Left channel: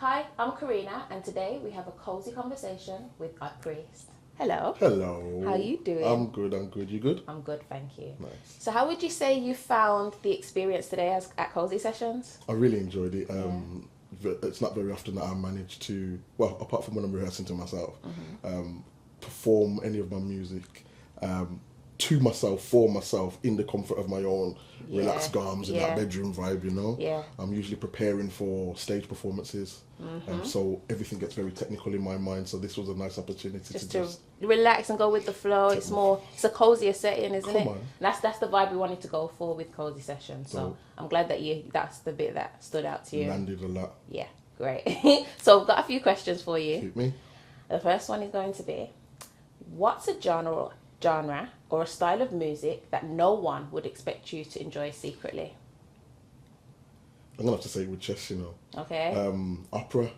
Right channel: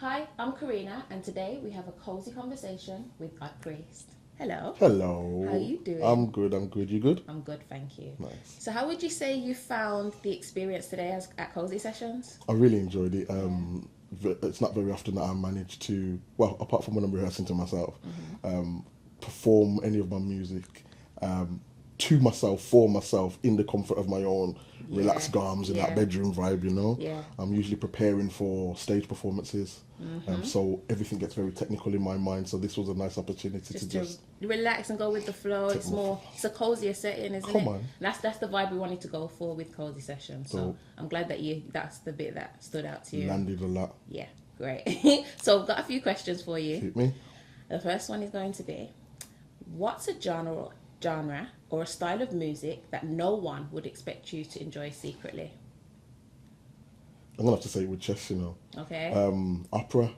Hi, I'm Karina, and today we have a cozy conversation with our priest. Hello. Hello. How are you doing? I'm good. You good? I'm good, thank you. Nice. So, how would you say you found the experience today at Cozy Sessions? I really enjoyed it. It's not very often that I manage to, well, apart from when I'm rehearsing to myself, perform any of my music to myself, for myself, in the comfort of my own relaxed arms in that bedroom vibe, you know? Yeah. I'm usually preparing for stage performances. So everything gets very technical in my mind. So this was a nice opportunity to just relax and go with the flow. It's a cozier setting, isn't it? Come on. That's the vibe we wanted to go for with Cozy Sessions. So I'm glad that that's the bit that stood out to you. landed a lot. Yeah, great. So I've got a few questions for you. Hit me. The first one is going to be, what's a genre or a style of music that no one would expect you to enjoy secretly? I'm gonna have to say it with chess, you know. Okay. Opera.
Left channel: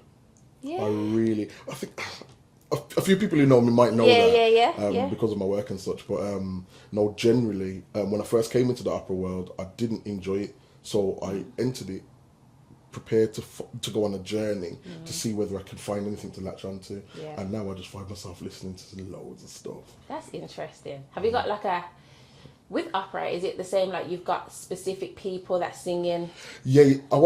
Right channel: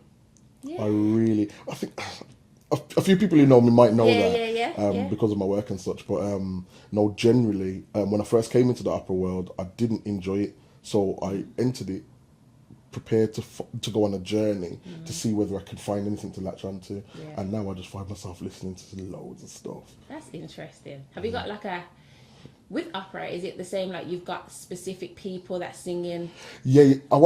Yeah. I think a few people who know me might know Yeah. because of my work and such. But no, generally, when I first came into the opera world, I didn't enjoy it, so I entered it prepared to go on a journey to see whether I could find anything to latch onto. Yeah. And now I just find myself listening to loads of stuff. That's interesting. Have you got with opera, is it the same, like you've got specific people that sing in? Yeah, I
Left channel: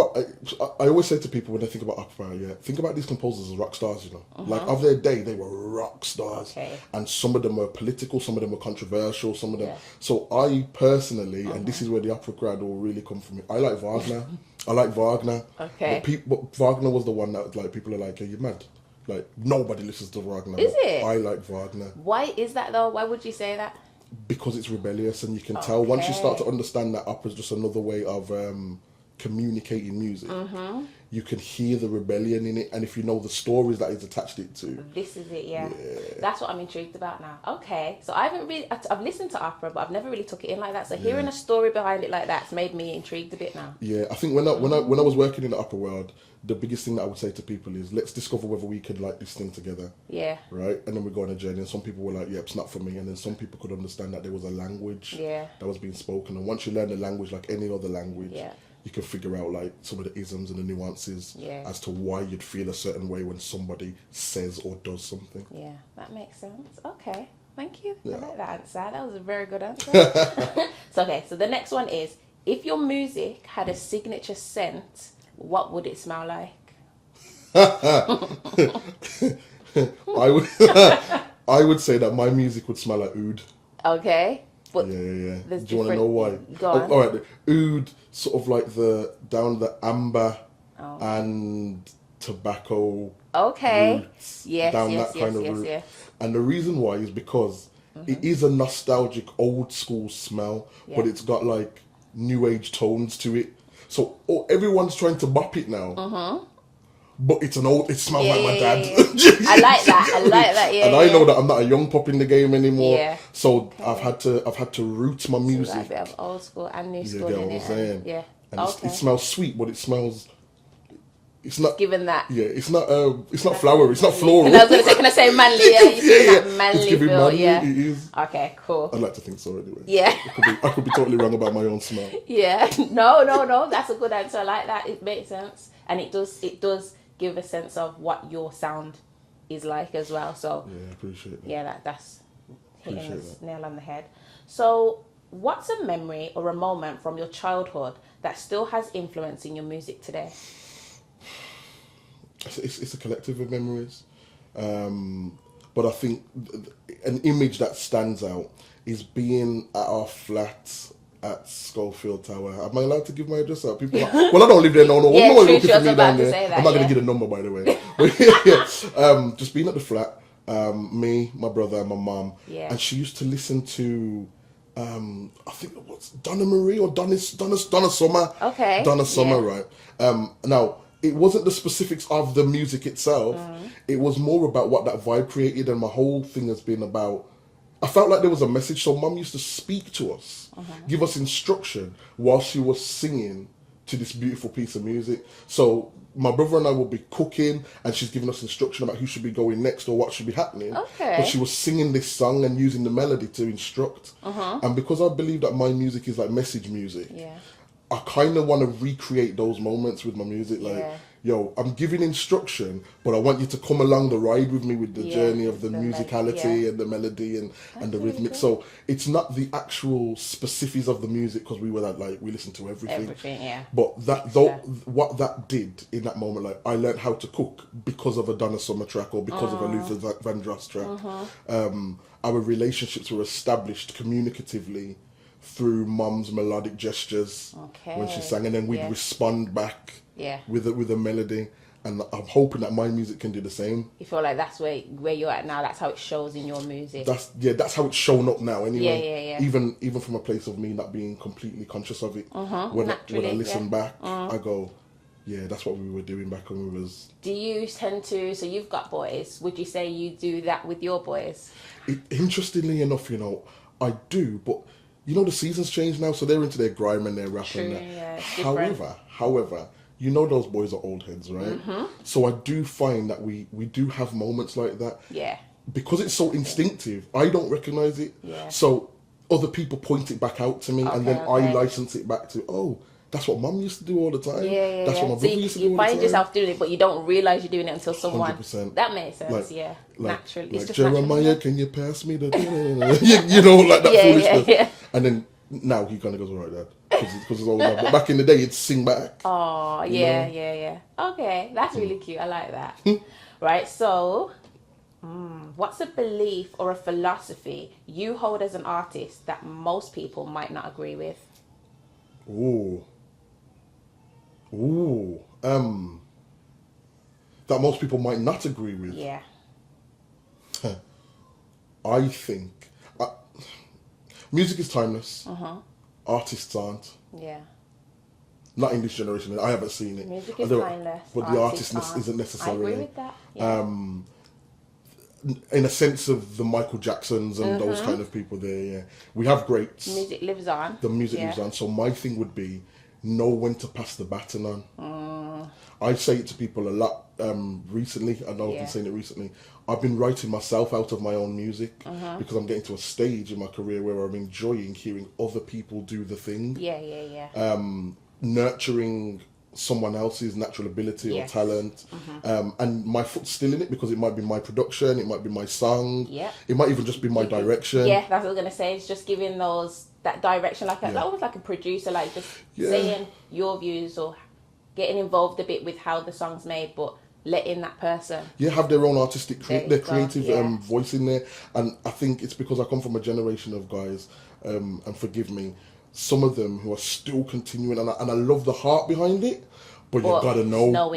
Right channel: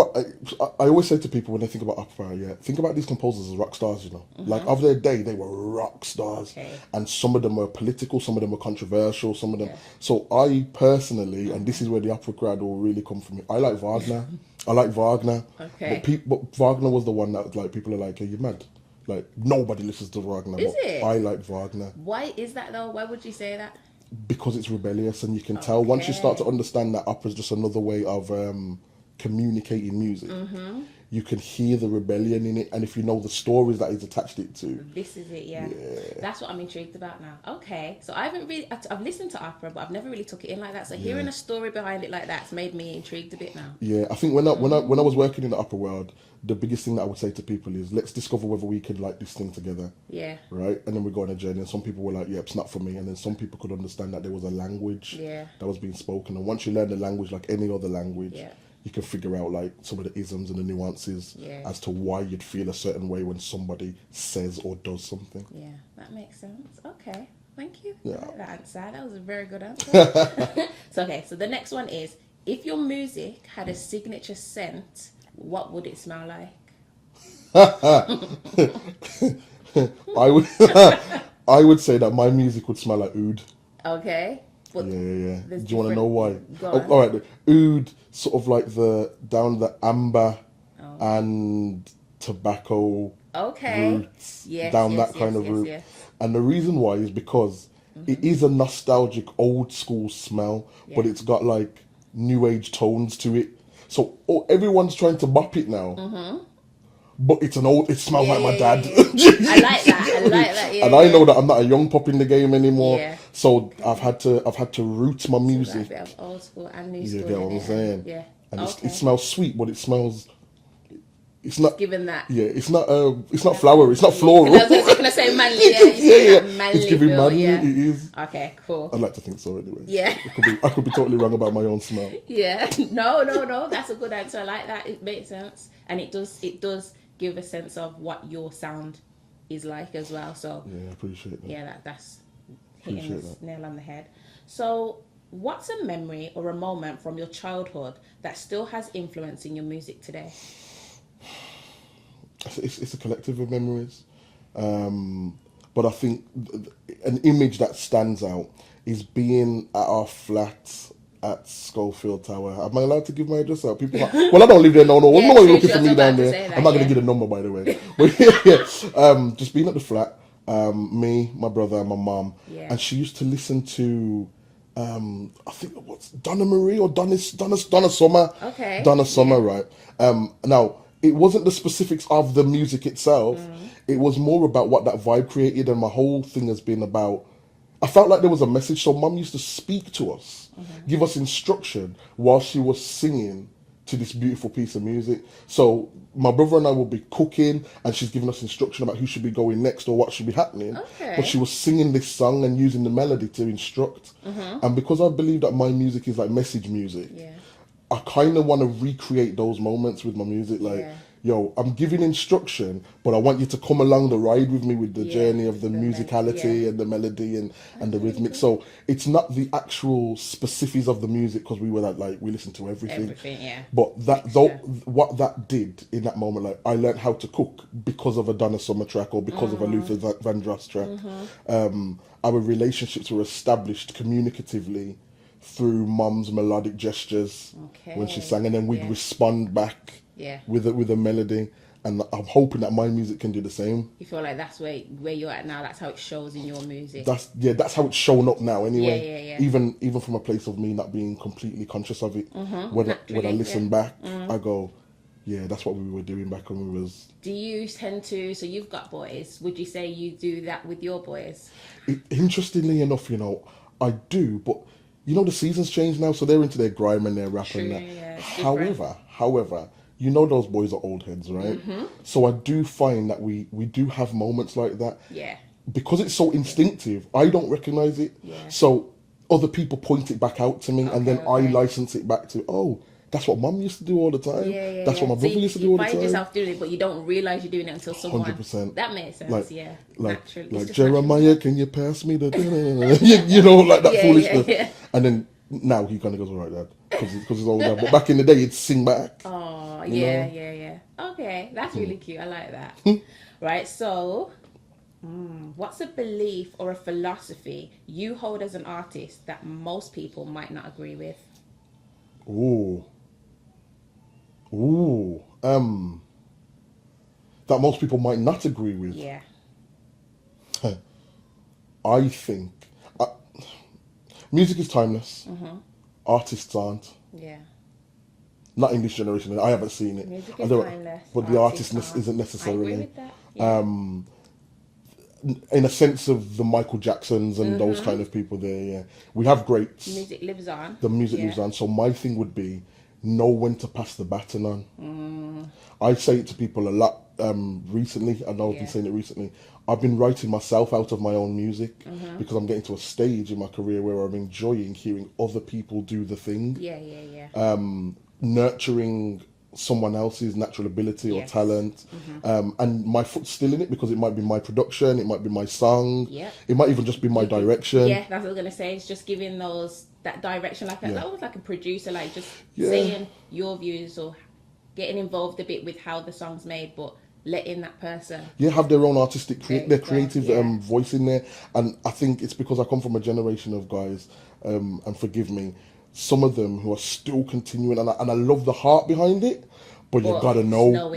always say to people when they think about opera, think about these composers as rock stars, you know. Like of their day, they were rock stars. Okay. And some of them were political, some of them were controversial, some of them. So I personally, and this is where the opera crowd will really come from, I like Wagner. I like Wagner. Okay. But Wagner was the one that like people are like, are you mad? Like nobody listens to Wagner. Is it? I like Wagner. Why is that though? Why would you say that? Because it's rebellious, and you can tell once you start to understand that opera is just another way of communicating music. You can hear the rebellion in it, and if you know the stories that it's attached it to, this is it. Yeah. That's what I'm intrigued about now. Okay, so I've listened to opera, but I've never really took it in like that. So hearing a story behind it like that's made me intrigued a bit now. Yeah, I think when I was working in the opera world, the biggest thing that I would say to people is let's discover whether we could like this thing together. Yeah. Right, and then we go on a journey, and some people were like, "Yeah, it's not for me," and then some people could understand that there was a language that was being spoken, and once you learn the language like any other language, you can figure out like some of the isms and the nuances as to why you'd feel a certain way when somebody says or does something. Yeah, that makes sense. Okay, thank you. Yeah. I like that answer. That was a very good answer. So the next one is, if your music had a signature scent, what would it smell like? I would say that my music would smell like oud. Okay. But Yeah. Do you want to know why? Go on. All right, the oud, sort of like the amber and tobacco roots, that kind of route. And the reason why is because it is a nostalgic old school smell, but it's got like new age tones to it. So everyone's trying to bop it now. But it smells like my dad. I like that. Yeah. And I know that I'm not a young pop in the game anymore. Yeah. So I've had to root my music. Like a bit of old school and new school. You get what I'm saying? Yeah. And it smells sweet, but it's not given that. Yeah, it's not flowery, it's not floral. I was going to say manly. It's giving manly. Yeah. It is. Okay, cool. I'd like to think so anyway. Yeah. I could be totally wrong about my own smell. Yeah. No. That's a good answer. I like that. It makes sense, and it does give a sense of what your sound is like as well. So yeah, I appreciate that. Yeah, that's hitting the nail on the head. So, what's a memory or a moment from your childhood that still has influence in your music today? It's a collective of memories, but I think an image that stands out is being at our flat at Schofield Tower. Am I allowed to give my address out? People well, I don't live there, no. Nobody's looking for me down there. I'm not going to get a number, by the way. But just being at the flat, me, my brother, and my mum, and she used to listen to, I think what's Donna Marie or Donna Summer. Okay. Donna Summer, right? Now it wasn't the specifics of the music itself. It was more about what that vibe created, and my whole thing has been about. I felt like there was a message, so Mum used to speak to us, give us instruction while she was singing to this beautiful piece of music. So my brother and I will be cooking, and she's giving us instruction about who should be going next or what should be happening. Okay. But she was singing this song and using the melody to instruct. And because I believe that my music is like message music, I kind of want to recreate those moments with my music. Like, yo, I'm giving instruction, but I want you to come along the ride with me with the journey of the musicality and the melody and the rhythmic. So it's not the actual specifics of the music, because we were like we listened to everything. But what that did in that moment, like I learned how to cook because of a Donna Summer track or because of a Luther Vandross track. Our relationships were established communicatively through Mum's melodic gestures when she sang, and then we'd respond back with a melody. And I'm hoping that my music can do the same. You feel like that's where you're at now. That's how it shows in your music. That's how it's shown up now. Anyway, even from a place of me not being completely conscious of it. When I listen back, I go, yeah, that's what we were doing back when we was. Do you tend to? So you've got boys. Would you say you do that with your boys? Interestingly enough, I do, but the seasons change now, so they're into their grime and their rap and that. However, those boys are old heads, right? So I do find that we do have moments like that. Yeah. Because it's so instinctive, I don't recognize it. Yeah. So other people point it back out to me, and then I license it back to, oh, that's what Mum used to do all the time. That's what my brother used to do all the time. You find yourself doing it, but you don't realise you're doing it until someone... 100%. That makes sense, naturally. Like, Jeremiah, can you pass me the... like that foolishness. Yeah. And then now he kind of goes, all right, Dad. Because it's all that. But back in the day, it'd sing back. Oh, yeah. Okay, that's really cute. I like that. Right, so... what's a belief or a philosophy you hold as an artist that most people might not agree with? That most people might not agree with. Yeah. I think music is timeless. Artists aren't. Yeah. Not in this generation. I haven't seen it. Music is timeless. But the artistness isn't necessarily. I agree with that. Yeah. In a sense of the Michael Jacksons and those kind of people there, we have greats. Music lives on. The music lives on. So my thing would be know when to pass the baton on. I say it to people a lot recently. I know I've been saying it recently. I've been writing myself out of my own music because I'm getting to a stage in my career where I'm enjoying hearing other people do the thing. Nurturing someone else's natural ability or talent, and my foot's still in it because it might be my production, it might be my song, it might even just be my direction. That's what I was gonna say. It's just giving that direction, almost like a producer, like just saying your views or getting involved a bit with how the song's made, but letting that person have their own artistic their creative voice in there. And I think it's because I come from a generation of guys, and forgive me, some of them who are still continuing, and I love the heart behind it, but you gotta know.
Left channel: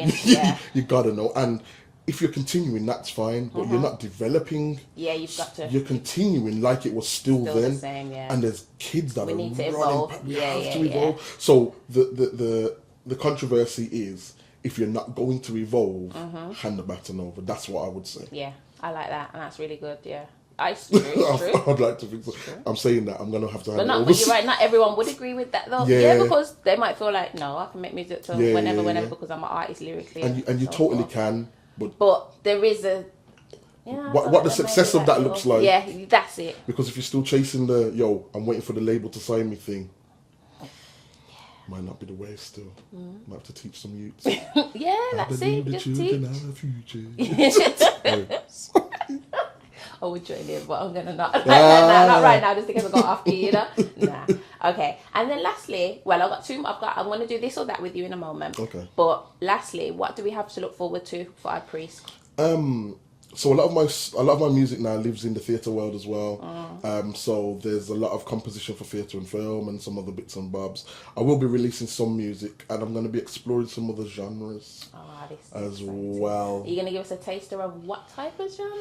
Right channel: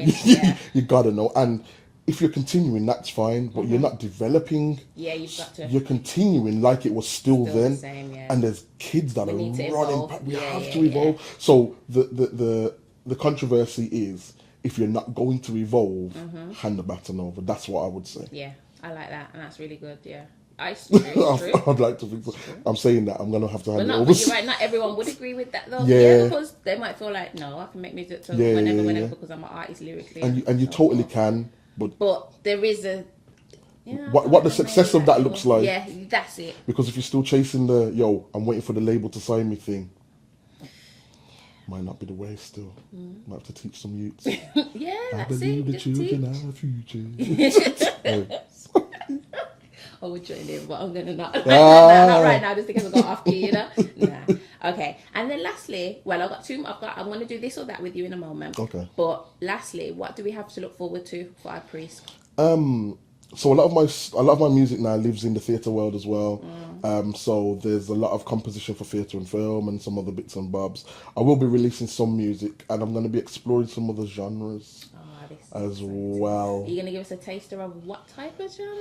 You gotta know. And if you're continuing, that's fine, but you're not developing. You've got to. You're continuing like it was still then. The same, and there's kids that are running. We have to evolve. Yeah. So the controversy is, if you're not going to evolve, hand the baton over. That's what I would say. Yeah, I like that, and that's really good. Yeah. I'd like to think so. I'm saying that I'm going to have to hand it over. But you're right, not everyone would agree with that though. Yeah, because they might feel like, no, I can make music till whenever because I'm an artist lyrically. And you totally can. But there is a... what the success of that looks like. Yeah, that's it. Because if you're still chasing I'm waiting for the label to sign me thing, might not be the way still. Might have to teach some youths. That's it. The children are future. I would join in, but I'm gonna not. Not right now, just because I got off key, Nah. Okay. And then lastly, I got two. I'm gonna do this or that with you in a moment. Okay. But lastly, what do we have to look forward to for our priest? So a lot of my music now lives in the theatre world as well. So there's a lot of composition for theatre and film and some other bits and bobs. I will be releasing some music, and I'm going to be exploring some other genres as well. Are you going to give us a taster of what type of genre?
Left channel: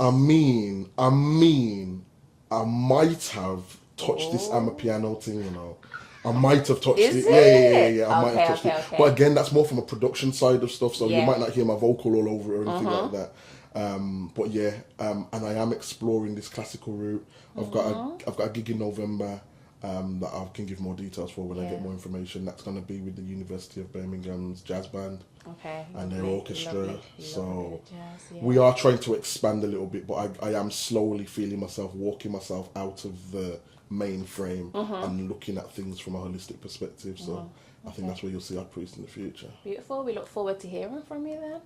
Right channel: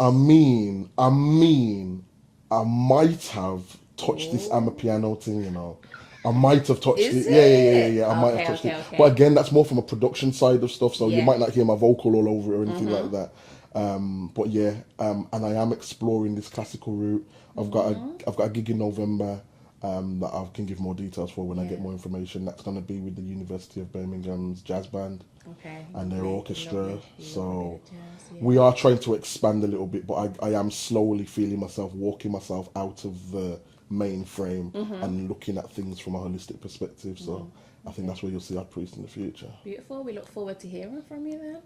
I mean, I might have touched this Amapiano thing, I might have touched it. Yeah. I might have touched it. Okay. But again, that's more from a production side of stuff, so you might not hear my vocal all over it or anything like that. And I am exploring this classical route. I've got a gig in November that I can give more details for when I get more information. That's going to be with the University of Birmingham's jazz band and their orchestra. So we are trying to expand a little bit, but I am slowly feeling myself, walking myself out of the main frame and looking at things from a holistic perspective. So I think that's where you'll see our priest in the future. Beautiful. We look forward to hearing from you then.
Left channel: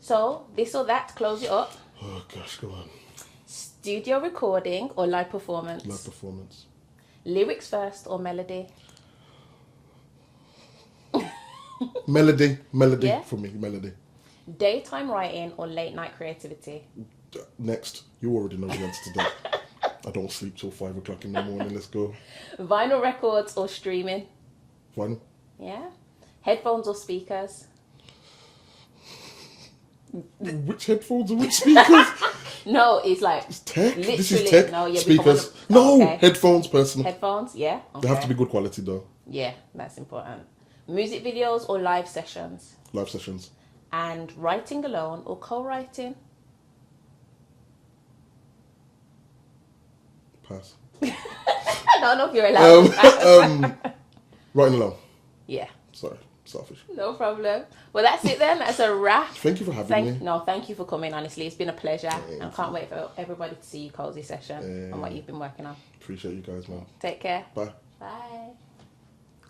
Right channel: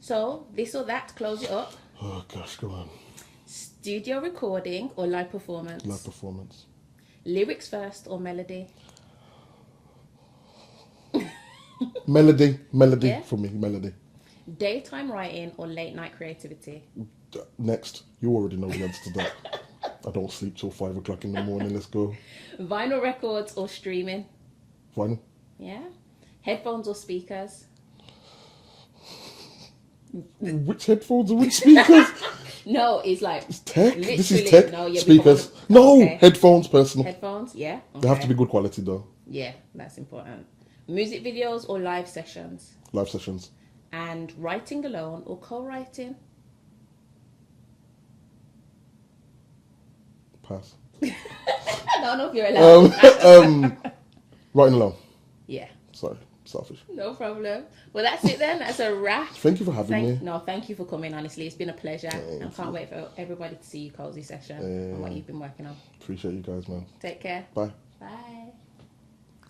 So, this or that, close it up. Oh gosh, go on. Studio recording or live performance? Live performance. Lyrics first or melody? Melody Yeah. for me, melody. Daytime writing or late night creativity? Next, you already know the answer to that. I don't sleep till 5 o'clock in the morning. Let's go. Vinyl records or streaming? Vinyl. Yeah. Headphones or speakers? Which headphones and which speakers? No, it's like It's tech. This is literally- tech. no, yeah, Speakers. because- No, okay. headphones, personal. Headphones, yeah. They have to okay. be good quality though. Yeah, that's important. Music videos or live sessions? Live sessions. And writing alone or co-writing? Pass. I don't know if you're allowed. Writing alone. Yeah, Sorry, selfish. no problem. Well, that's it then. That's a wrap. Thank you for having me. No, thank you for coming. Honestly, it's been a pleasure. Thank I can't wait for everybody to see your Cosy session and what you've been working on. Appreciate you guys, man. Take care. Bye. Bye.